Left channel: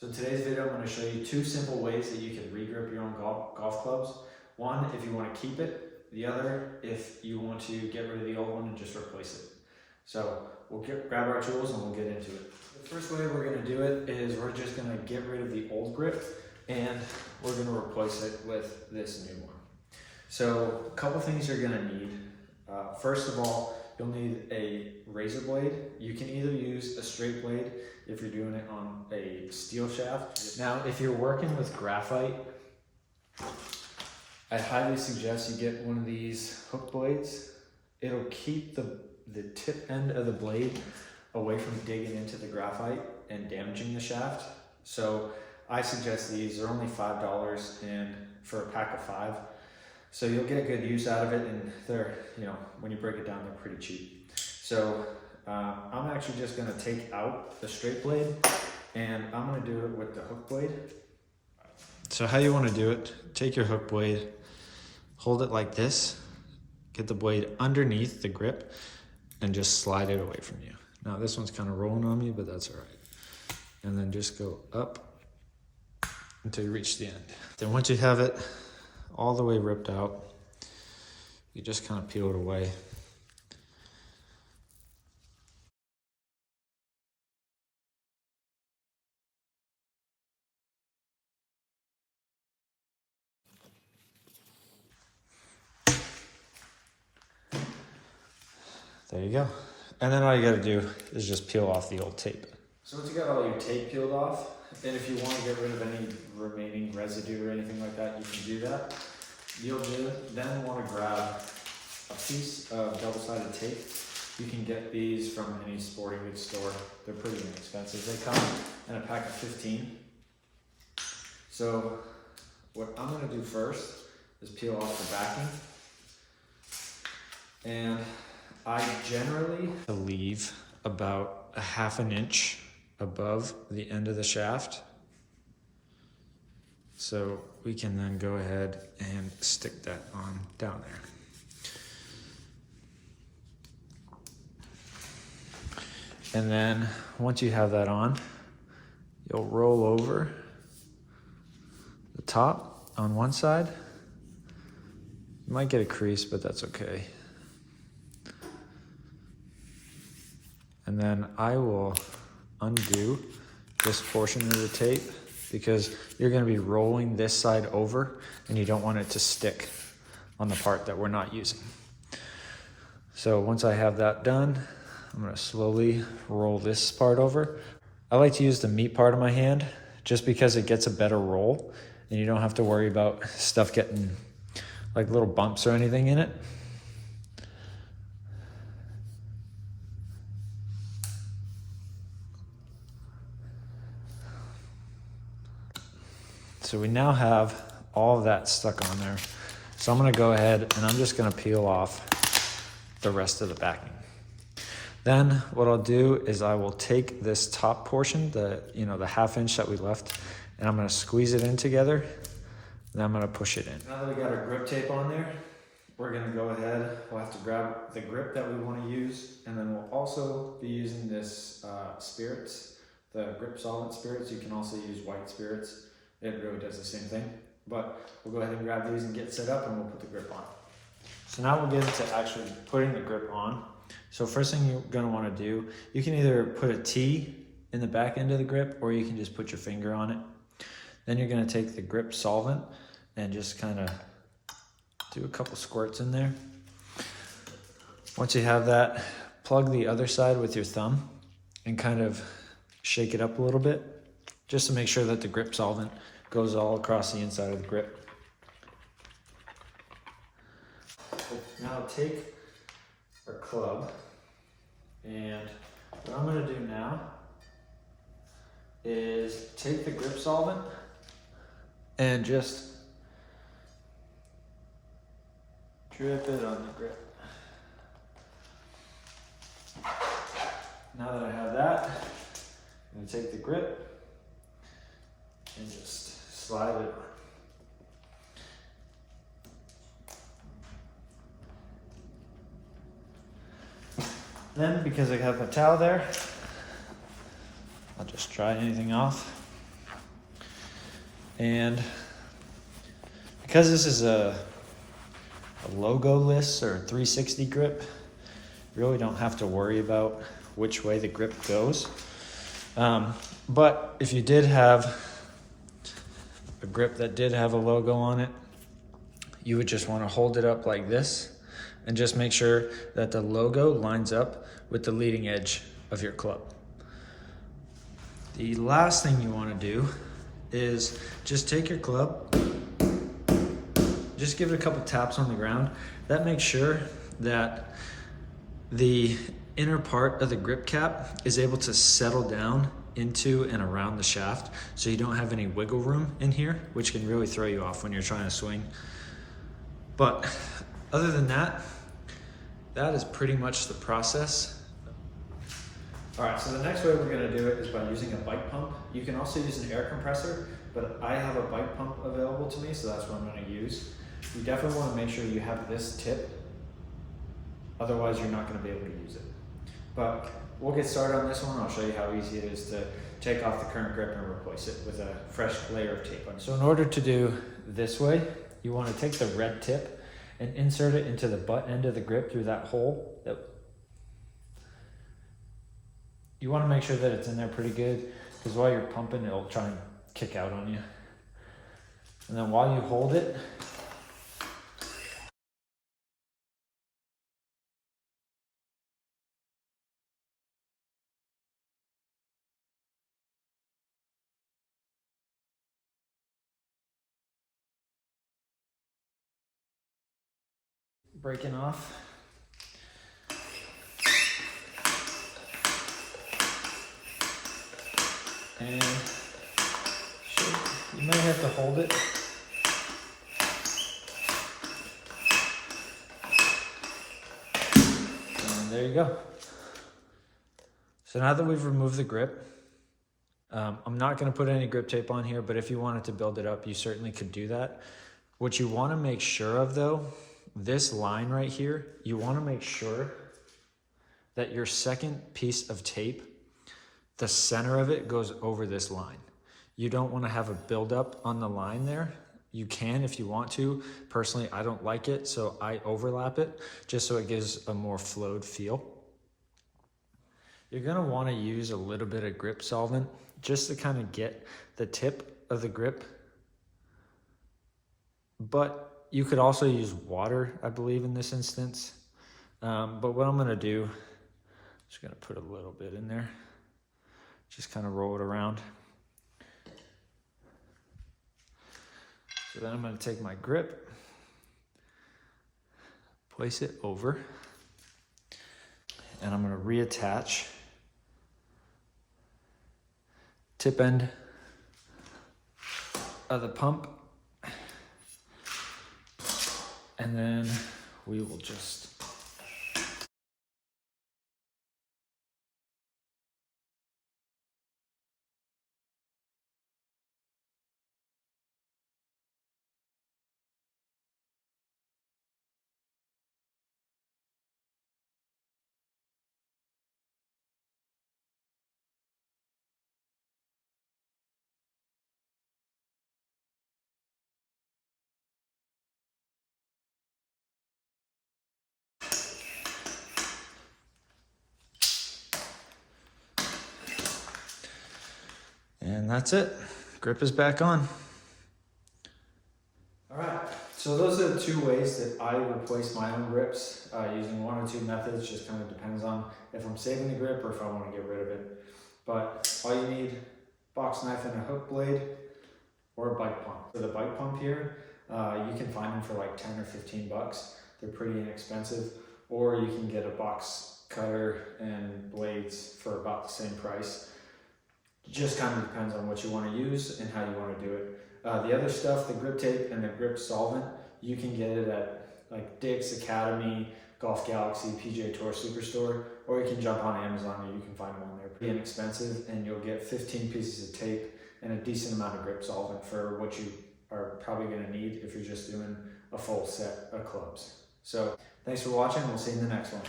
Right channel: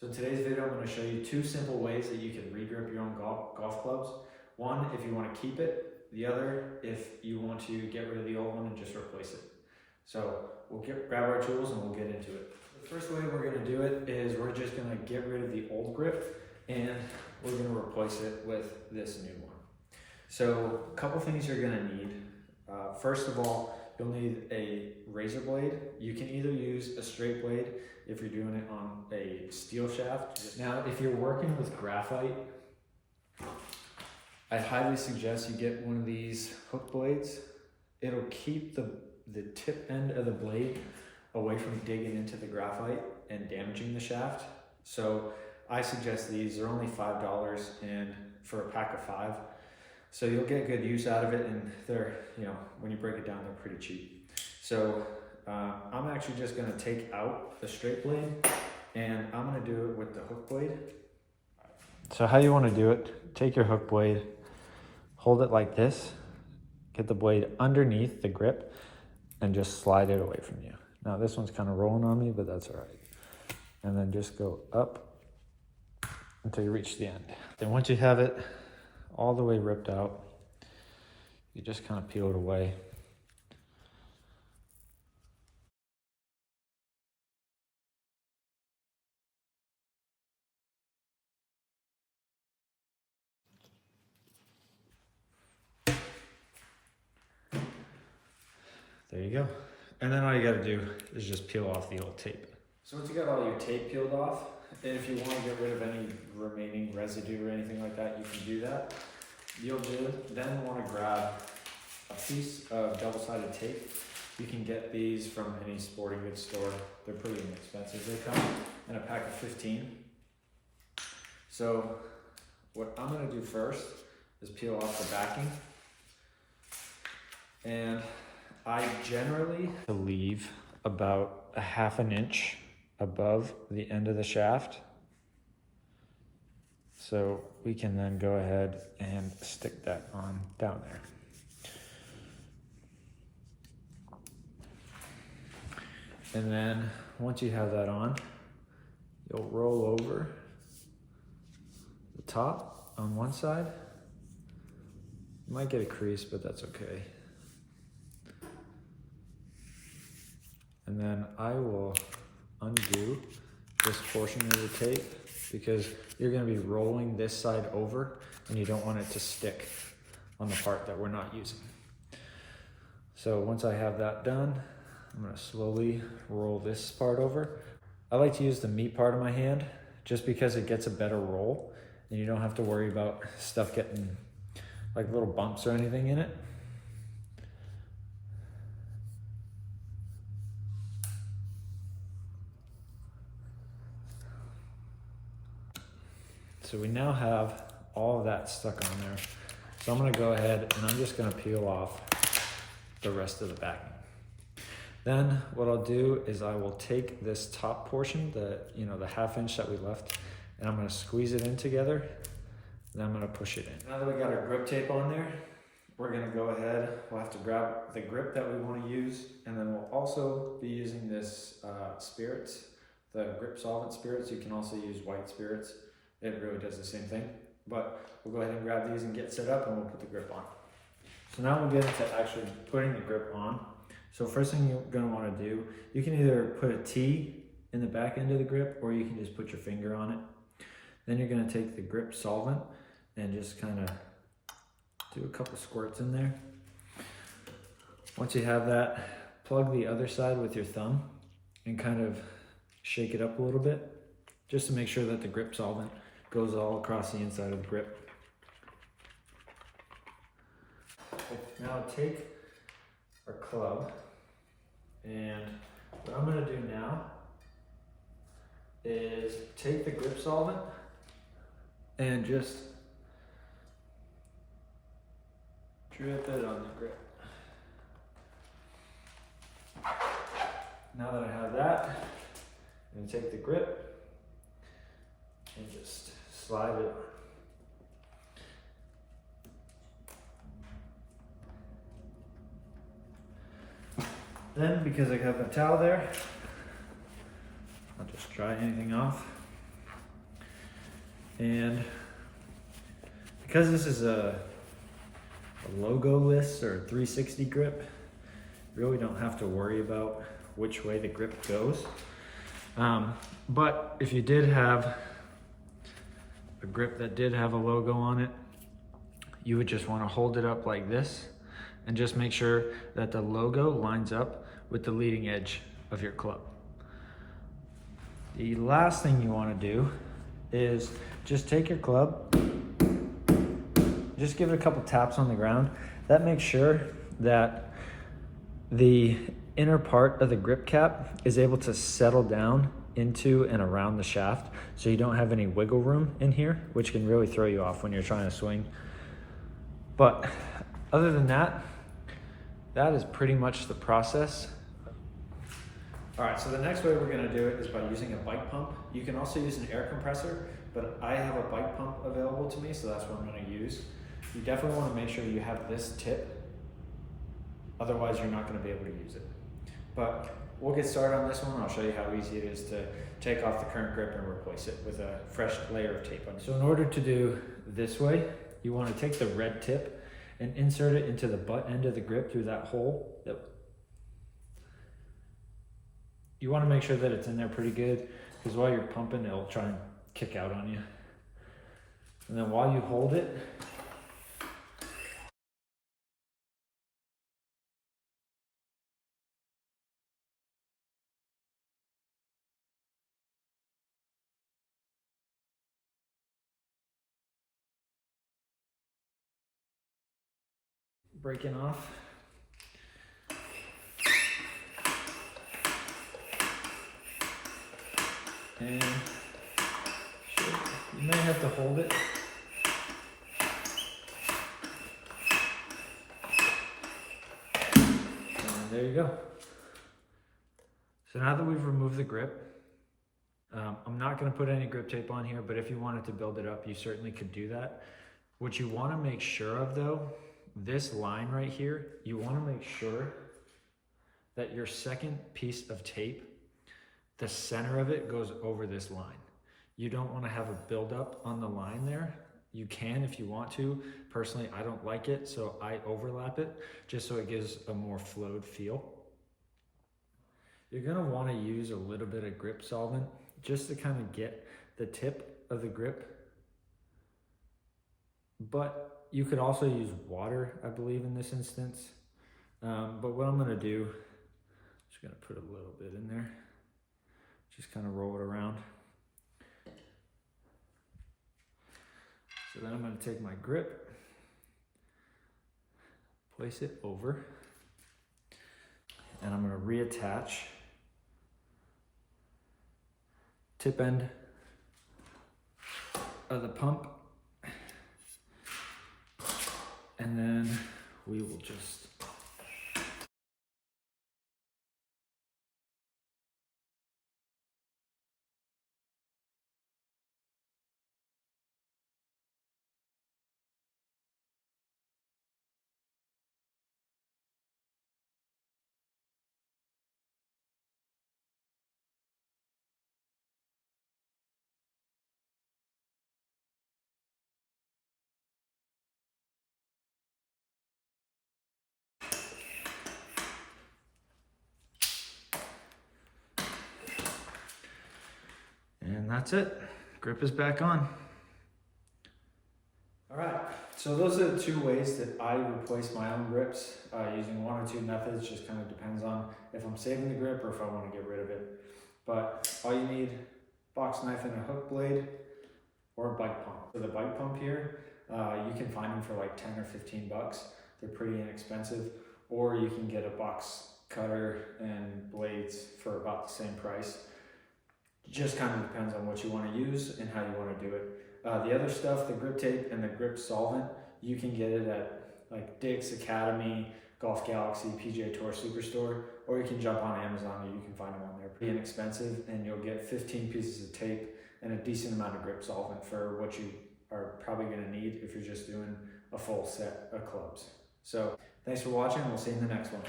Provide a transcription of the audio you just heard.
So in today's video, I'm going to show you two simple ways that you can regrip your own golf clubs. One, if you want to keep it. The other, if you want to get rid of the old one and just replace it. So we'll grab our tools and we'll get into it. The first way we're going to do it is we're just going to get rid of the old grip and we're going to replace it with this new one. So a couple things you're going to need. First of all, you'll need a razor blade. You can either use a straight blade if you're doing it on a steel shaft. Now, if you're working with graphite, I highly suggest you get one of these hook blades. It'll keep the tip end of the blade away from digging into the graphite and damaging the shaft. So I suggest these. They're only $5 and for a pack of 5. So you'll get good use out of it, and they're, when you break it down, they're pretty cheap. So I'm actually just gonna take out the straight blade and I'm gonna do it with the hook blade. So how you wanna do it, take your hook blade, hold it like this, get the blade underneath the grip and just slide it away from you. Now this one's kind of rolling on me, but that's all right. And then just go up until you reach the end. Then once you have it all the way ripped out, you just kind of peel it away. There you go. And then all you gotta do is just peel off the old tape. So once you got all your tape peeled off, and if you want to get rid of any remaining residue or anything like that, you can do that. You'll then want to grab a piece of double-sided tape. You can get these from any sporting goods store. They're pretty inexpensive. They come in a pack of 15. So what I'm going to do first is peel off the backing. And I generally leave about a ½ an inch above the end of the shaft. So we can then go ahead and stick that on down there. And then once you have that on, you'll roll over the top on one side. You might get a crease, but that's okay. And then I will undo this portion of the tape because you're going to be rolling this side over and you don't want it to stick on the part that we're not using. So once I have that done, I'm going to slowly roll this part over. I like to use the meat part of my hand just because it gets a better roll and you don't have to worry about stuff getting like little bumps or anything in it. So we now have all of that stuck on there. So I'm gonna go ahead and I'm just gonna peel off the rest of the backing. Then what I'll do is I will take this top portion, the ½ inch that we left, and I'm gonna squeeze it in together, and I'm gonna push it in. Now that we got our grip tape on there, we're gonna go ahead, we'll have to grab the grip that we wanna use, and then we'll also be using this spirits, the Grip Solvent spirits. You can also use white spirits. It really does the same thing, but we'll go ahead and grab these and get set up and we'll put the grip on. So now we'll get into actually putting the grip on. So first thing you're gonna wanna do, you can either put a T in the back end of the grip or you can just put your finger on it. Then you're gonna take the Grip Solvent and just kind of do a couple squirts in there. Once you have that, plug the other side with your thumb and kind of shake it up a little bit, just to make sure that the Grip Solvent goes all across the inside of the grip. Now take our club, and what I'm gonna do now is take the Grip Solvent and just drip it on the grip. Now that I have that, I'm gonna take the grip and just slide it on. Then, because I have my towel there, I'll just dry anything off. And because this is a logo-less or a 360 grip, you really don't have to worry about which way the grip goes. But if you did have a grip that did have a logo on it, you would just want to hold it up like this and just make sure that the logo lines up with the leading edge of your club. The last thing you want to do is just take your club, just give it a couple taps on the ground. That makes sure that the inner part of the grip cap is able to settle down into and around the shaft, so you don't have any wiggle room in here, which can really throw you off when you're trying to swing. But other than that, that is pretty much the process. All right, so the next way we're gonna do it is by using a bike pump. You can also use an air compressor, but I have a bike pump available to me, so that's what I'm gonna use. You definitely wanna make sure you have this tip, otherwise you're not gonna be able to use it. But we'll get started on this one. I'll show you how easy it is to take off the current grip and replace it with a fresh layer of tape on. So in order to do this way, you wanna take the red tip and insert it into the butt end of the grip through that hole. You want to make sure that it's in there pretty good, because while you're pumping, it'll try and kick out on you. And then while you hold it, breaking off. And you may have to hold it. And there you go. So now that we've removed the grip, I'm not going to put any grip tape on here, but if you wanted to build it up, you certainly could do that. What you want to make sure of though, this line right here, you want to make sure that your second piece of tape, the center of it goes over this line. You don't want to have a buildup on the line there. You can if you want to. Personally, I don't like it, so I overlap it just so it gives a more flowed feel. You're gonna want to use a little bit of grip solvent just to kind of get the tip of the grip. But you could also use water, I believe, in this instance. But what I'm gonna do, I'm just gonna put a little bit in there. Just kind of roll it around. So then I'm going to take my grip, place it over, and I'm going to reattach tip end of the pump, and then we will just and that's it. Grip is back on. All right, so those are the two ways that I replace my own grips using one or two methods. Just kind of depends on if I'm saving the grip or if I want to get rid of it. But all you need, box knife and a hook blade or a bike pump. So the bike pump here, you can find them for like 10 or 15 bucks. They're pretty inexpensive. Or you can get a box cutter and blades for about the same price. Just kind of depends on what you want to use and how you want to do it. The other stuff, the grip tape and the grip solvent, you can get it at like Dick's, Academy, Golf Galaxy, PGA Tour Superstore, or you can jump on Amazon and you can find them on there. Pretty inexpensive, and you'll get 15 pieces of tape and a decent amount of grip solvent for what you are probably going to need if you're just doing a full set of clubs. So thanks for watching. We'll see you in the next one.